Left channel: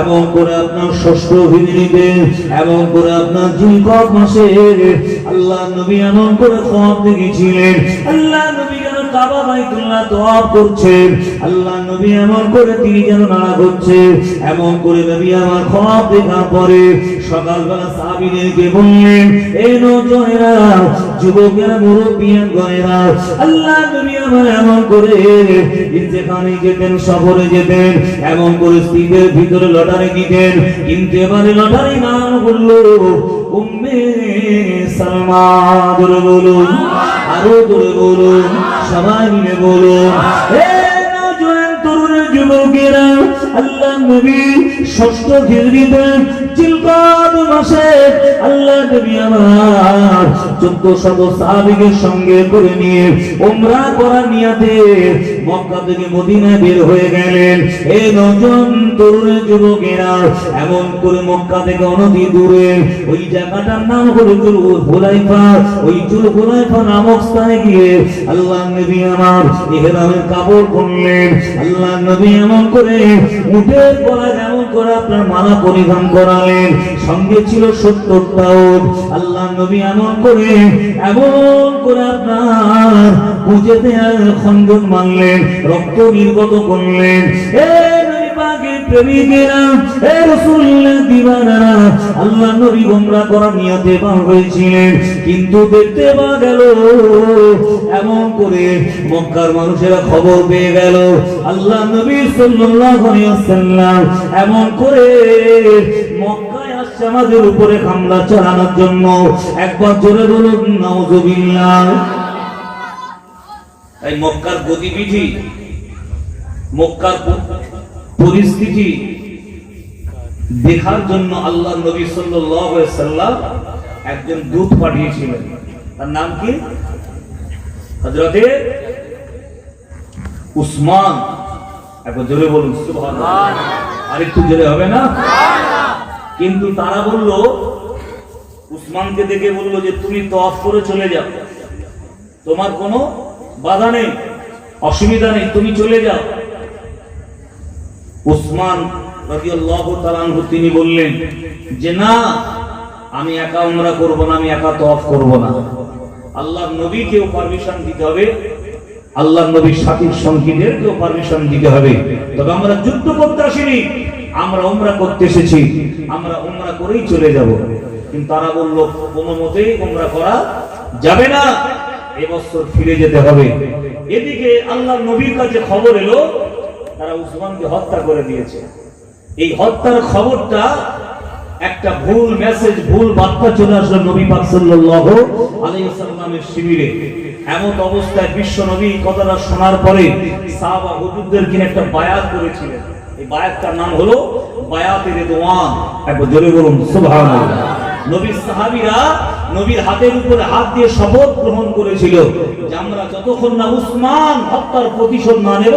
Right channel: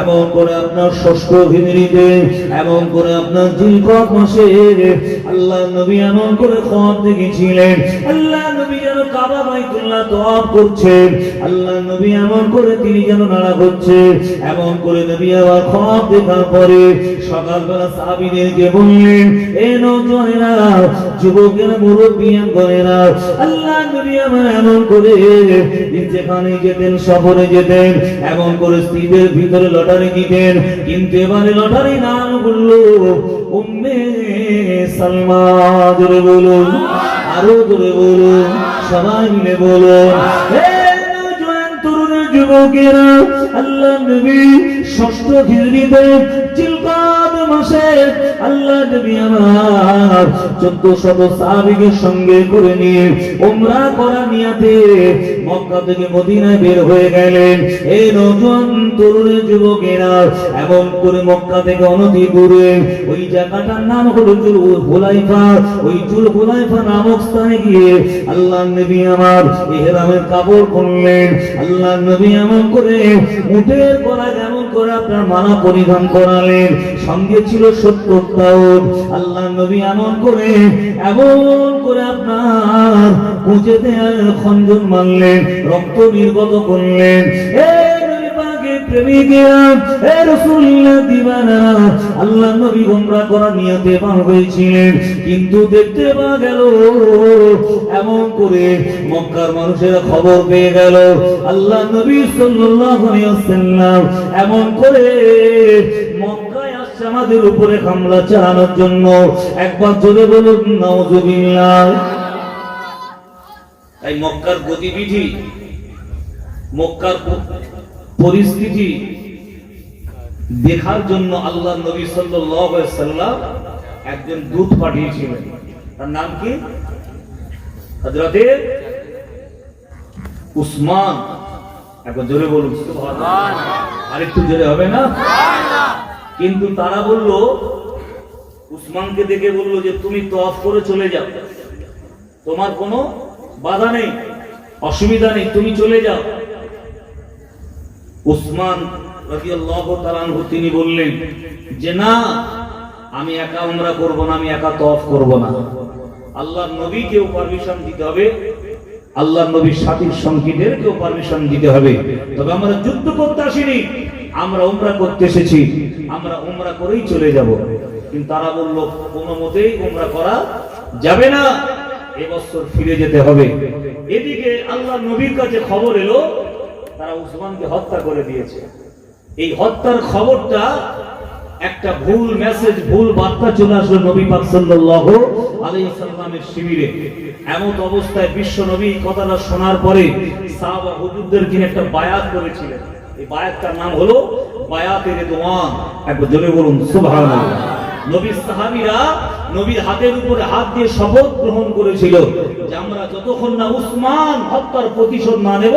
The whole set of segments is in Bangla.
এমন করে আপনার ষষ্ঠ অভিনীতে করে আপনার আল্লাহ নবী এমন করে দেখেছিলেন। আল্লাহ নবী কাবা বাইতুল্লাহ আল্লাহ নবী এমন করে তিনি যেন নাড়া এমন করে নবী আবার দেখার পরে। সকালবেলা সাহাবীদেরকে বললেন, এ যুবকেরা আল্লাহ নবী এমন করে যেখানে যেতেন, সফরে যেতেন, এমন করে স্ত্রীদের ভিতরে লটারি দিতেন। কিন্তু এবারে লটারি নাম বলল উম্মে সালমা ধরে বলুন, আরও ধরে বলুন। সবাই মিলে বলো। হে নওজোয়ান তরুণ যুবকেরা। আল্লাহ নবী ষষ্ঠ হিজরিতে জিলকদ মাসে আল্লাহ নবী আমার চোদ্দ শত সাহাবিকে সঙ্গে করে নিয়ে ওমরা করার নিয়াতে মক্কা থেকে মদিনায় বের হয়ে গেলেন। এ নজন তরুণ যুবকেরা এমন করে মক্কা থেকে অনতি দূরে ওই জায়গাটার নাম হলো জুল হুলাইফা। ওই জুল হুলাইফা নামক স্থানে গিয়ে আল্লাহ নবী আমার ইহরামের কাপড় পরলেন আল্লাহ নবী এমন করে উটের গলা যেমন করে আপনার মালা পরিধান করালেন? সঙ্গে ছিল সত্তরটা পাউট আল্লাহ নবী এমন করে এমন করে আপনার পুজোতে খঞ্জন মানলেন, রক্ত নির্গত করলেন। এ নবী পাকের কিন্তু দেখতে গেল, এমন করে মক্কার মানুষেরা খবর পেয়ে গেল আল্লাহ এমন করে মক্কায় আমাদের উপরে হামলা চালানোর জন্য। একবার জোরে বলুন এই মক্কার গতিবিধি, মক্কার পরিস্থিতি দেখার জন্য আল্লাহ নবী সাল্লাম একজন দূত পাঠিয়েছিলেন। তার নাম কি? হযরতে উসমান। একবার জোরে বলুন আর একটু জোরে হবে না? কিন্তু তারা বলল উসমানকে দেখে বলল যে তুমি তফ করে চলে যাও। তোমার কোনো বাধা নেই অসুবিধা নেই তুমি চলে যাও। উসমান তিনি বললেন যে, না, আমি একা উমরা করব না, আমি একা তওয়াফ করব না। আল্লাহর নবীকেও পারমিশন দিতে হবে, আল্লাহর নবীর সাথীর সঙ্গীদেরকেও পারমিশন দিতে হবে। তবে আমরা যুদ্ধ করতে আসিনি, আমরা উমরা করতে এসেছি, আমরা উমরা করেই চলে যাব। কিন্তু তারা বলল, কোনো মতেই উমরা করা যাবে না এবছর ফিরে যেতে হবে। এদিকে আল্লাহ নবীর কাছে খবর এলো তারা উসমানকে হত্যা করে দিয়েছে। এই হত্যার খবরটা একটা ভুল মেসেজ ভুল বার্তা চলে আসলো নবী পাক সাল্লাল্লাহু আলাইহি ওয়াসাল্লামের শিবিরে। এমন অবস্থায় বিশ্ব নবী কথাটা শোনার পরে সাহাবা হুজুরদের কিনে একটা বায়াত করেছিলেন। এই বায়াতটার নাম হলো বায়াতে রিদওয়ান। একবার জোরে বলুন, সুবহানাল্লাহ। নবীর সাহাবীরা নবীর হাতের উপরে হাত দিয়ে শপথ গ্রহণ করেছিল যে আমরা যতক্ষণ না উসমান হত্যার প্রতিশোধ না নেব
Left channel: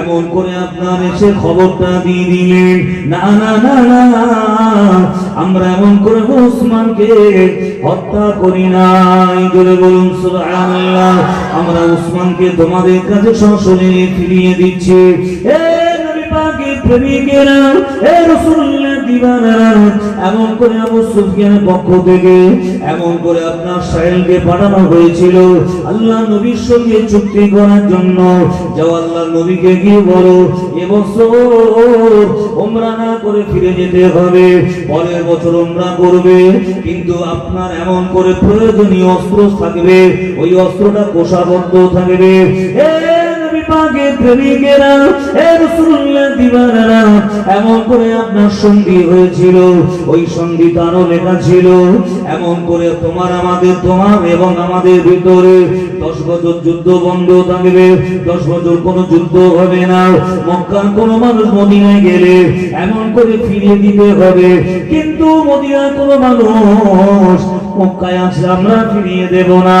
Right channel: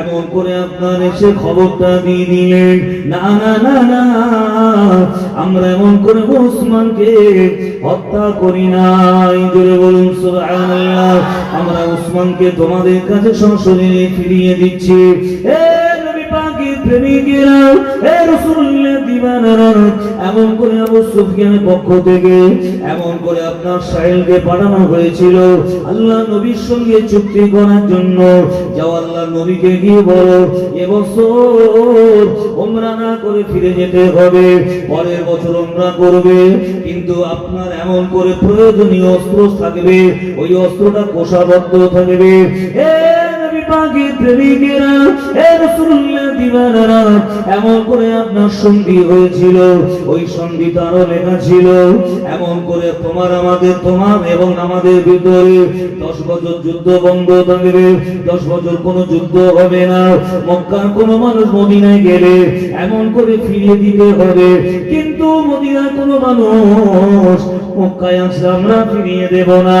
এমন করে আপনার এসে খবরটা দিয়ে দিলেন। না না না না, আমরা এমন করে উসমানকে হত্যা করি নাই। জোরে বলুন, সুবহানাল্লাহ। আমরা উসমানকে তোমাদের কাছে সংশোধনে ফিরিয়ে দিচ্ছি। এ চুক্তি করার জন্য। যাও আল্লাহ নবীকে গিয়ে বলো এবছর ওমরা না করে ফিরে যেতে হবে, পরের বছর ওমরা করবে। কিন্তু আপনার এমন করে প্রয়োজনীয় অস্ত্র থাকবে, ওই অস্ত্রটা কোষাবদ্ধ থাকবে। এ পাকে প্রেমিকেরা এ দিবানারা এমন করে আপনার সঙ্গী হয়েছিল। ওই সঙ্গী তারও লেখা ছিল। এমন করে তোমার, আমাদের, তোমার এবং আমাদের ভিতরে দশ বছর যুদ্ধ বন্ধ থাকবে। দশ বছর যুদ্ধ হবে না। মক্কার মানুষ মদিনায় গেলে এমন করে দিতে হবে। কিন্তু মদিনার কোনো মানুষ মক্কায় আমরা ফিরিয়ে দেব না।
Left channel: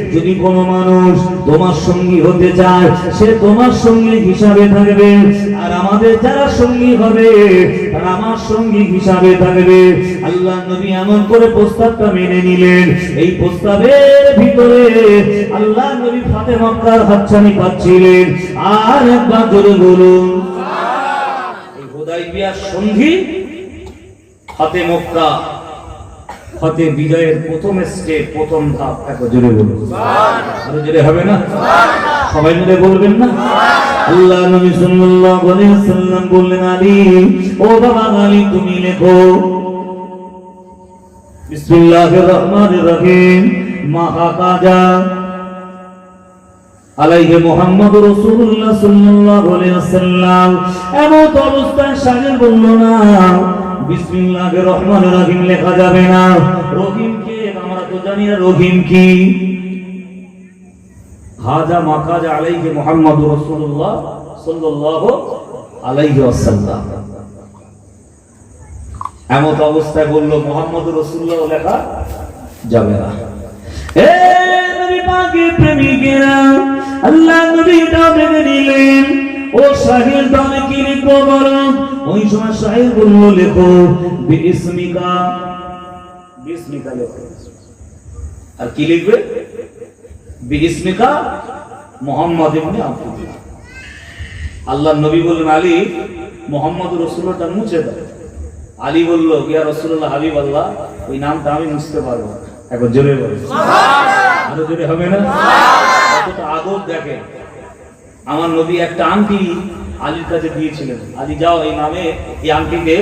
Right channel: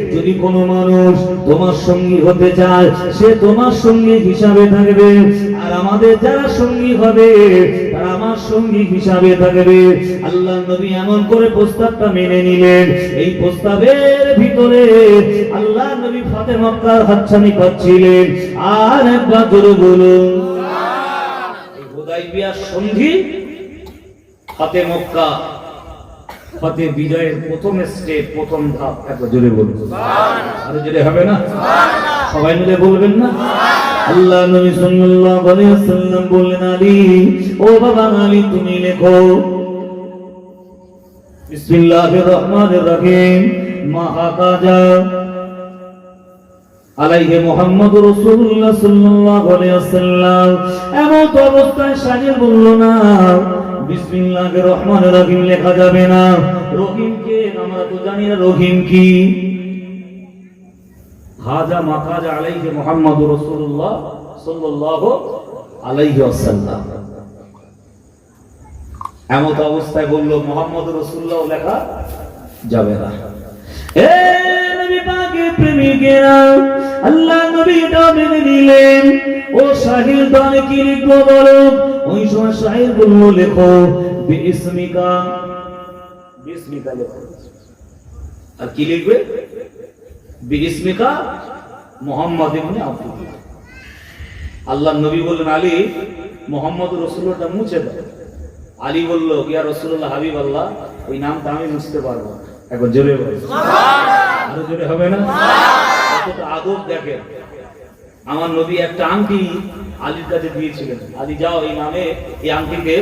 যদি কোনো মানুষ তোমার সঙ্গী হতে চায়, সে তোমার সঙ্গী হিসাবে থাকবে। আর আমাদের যারা সঙ্গী হবে, তারা আমার সঙ্গী হিসাবে থাকবে। আল্লাহ নবী এমন করে প্রস্তাবটা মেনে নিলেন। এই প্রস্তাবের ভিতরে আল্লাহ নবী ফাতে মক্কার হাতছানি পাচ্ছিলেন। আর একবার জোরে বলুন। এই সন্ধি হাতে মক্কা। হতে বিজয়ের প্রথম স্টেপ, প্রথম এত জোরে বলুন। আরও জোরে হবে না? সবাই মিলে বলবেন না? আল্লাহ নবী সাল্লাল্লাহু আলাইহি ওয়াসাল্লাম বললেন ও বাবা আলী, তুমি লেখো। বিসমিল্লাহির রহমানির রহিম। মাহাকাজা আলাইহি মুহাম্মদ সাল্লাল্লাহু আলাইহি ওয়াসাল্লাম এমন অবস্থায় শাগির বলল, না বিসমিল্লাহির রহমানির রহিম লেখা যাবে না। রহিম কে? আমরা তো জানি না রহিম কি। হাজা মাকাজা আলাইহি মুহাম্মদ রাসূলুল্লাহ সাল্লাল্লাহু আলাইহি ওয়াসাল্লাম। এমন অবস্থায় বলল মোহাম্মদ রসুল্লাহ লেখা যাবে না। এ নবী পাকের প্রেমিকেরা, আল্লাহ নবীটা মেনে নিলেন। ও শাহির দানে কি লিখব বলো? ওই সময় শাহির বলল লেখো বিস্মিকা। বিস্মিকা লেখো। আর কি লিখবে? বিস্মিকা মোহাম্মদ ইবনে আব্দুল্লাহ। আল্লাহ নবী বললেন আলী মোহাম্মদ রসুল্লাহটা মুছে দাও। আলী বলল ইয়া রসুল্লাহ হাবিব আল্লাহ ওই নামটা আমি মুছতে পারব এখন জোরে বলে। আরও জোরে হবে না? আদব দেখেন। আমার নবী একটা আংটি আলীর কাছে দিয়েছিলেন। আলী, যাও, এই নামে, এই আংটিতে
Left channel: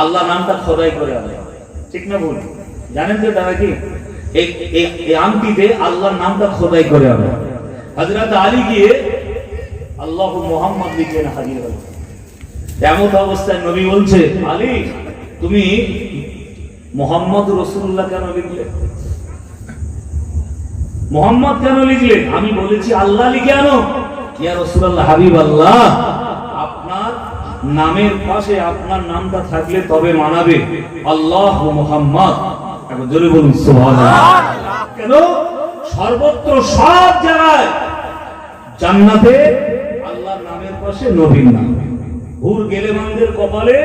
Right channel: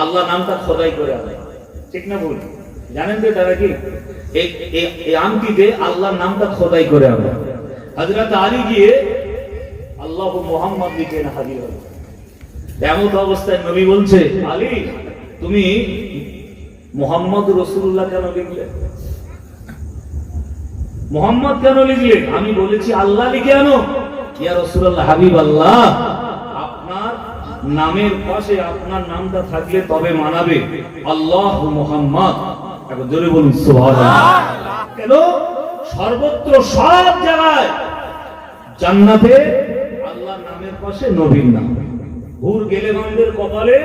আল্লাহ নামটা খোদাই করে আনে। ঠিক না ভুল? জানেন তো দাদা কি? এই আংটিতে আল্লাহর নামটা খোদাই করে আনে। হাজরাত আলী গিয়ে আল্লাহ মোহাম্মদ লিখে হাজির হলো। এমত অবস্থায় নবী বলছে, আলী, তুমি মোহাম্মদ রসুল্লাহ কেন লিখলে? মোহাম্মদ কেন লিখলে? আমি বলেছি, আল্লাহ লিখে আনো ইয়া রসুল্লাহ হাবিব আল্লাহ আপনার নামের পাশে আপনার নামটা থাকলে তবে মানাবে। আল্লাহ মোহাম্মদ। কেন? সর্বত্র সব জায়গায় জান্নাতে আল্লাহর নামের পাশে নবীর নাম। হুর গেলেমানদের কপালে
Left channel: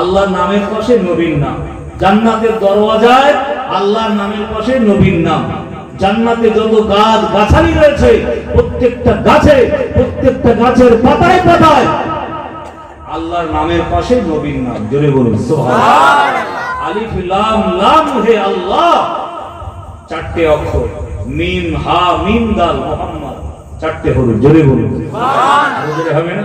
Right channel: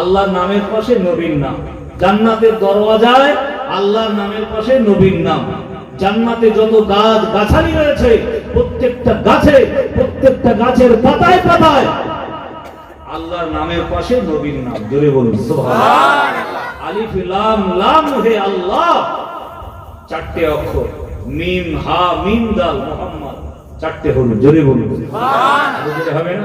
আল্লাহর নামের পাশে নবীর নাম। জান্নাতের দরওয়াজায় আল্লাহর নামের পাশে নবীর নাম। জান্নাতে যত গাছ গাছালি রয়েছে, প্রত্যেকটা গাছে প্রত্যেকটা গাছের পাতায় পাতায়। আল্লাহর নামের পাশে নবীর নাম। জোরে বলুন সুবহানাল্লাহ। আলিফ লাম লাম হে আল্লাহ। চারটে অক্ষর মিম হা মিম দাল মোহাম্মদ। চারটে হলো জোরে বলুন। হবে না?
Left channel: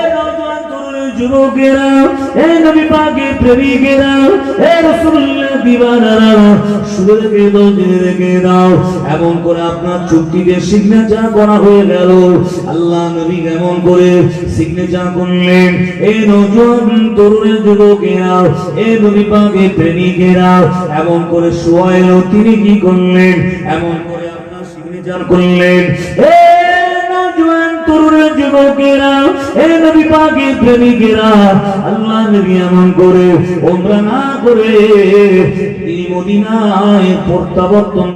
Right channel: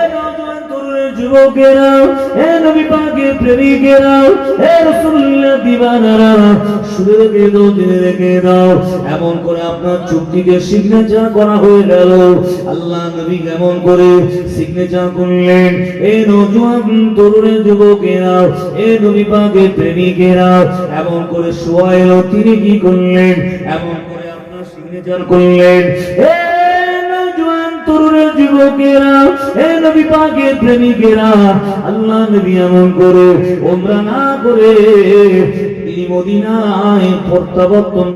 যুবকেরা এ এমন করে আপনার চুক্তিতে সিগনেচার করা হয়ে গেল। আল্লাহ নবী কেমন করে সিগনেচার করলেন। এ নজুয়ান তরুণের যুবকেরা এ নবী পাকের প্রেমিকেরা এমন করে শোয়ায় তিনি কি করলেন? এমন করে আপনার সিগনেচার করলেন। এ তরুণের যুবকেরা এ নবী পাকের প্রেমিকেরা আল্লাহ নবী এমন করে, ওমরা না করে, তিনি মদিনায় প্রত্যাবর্তন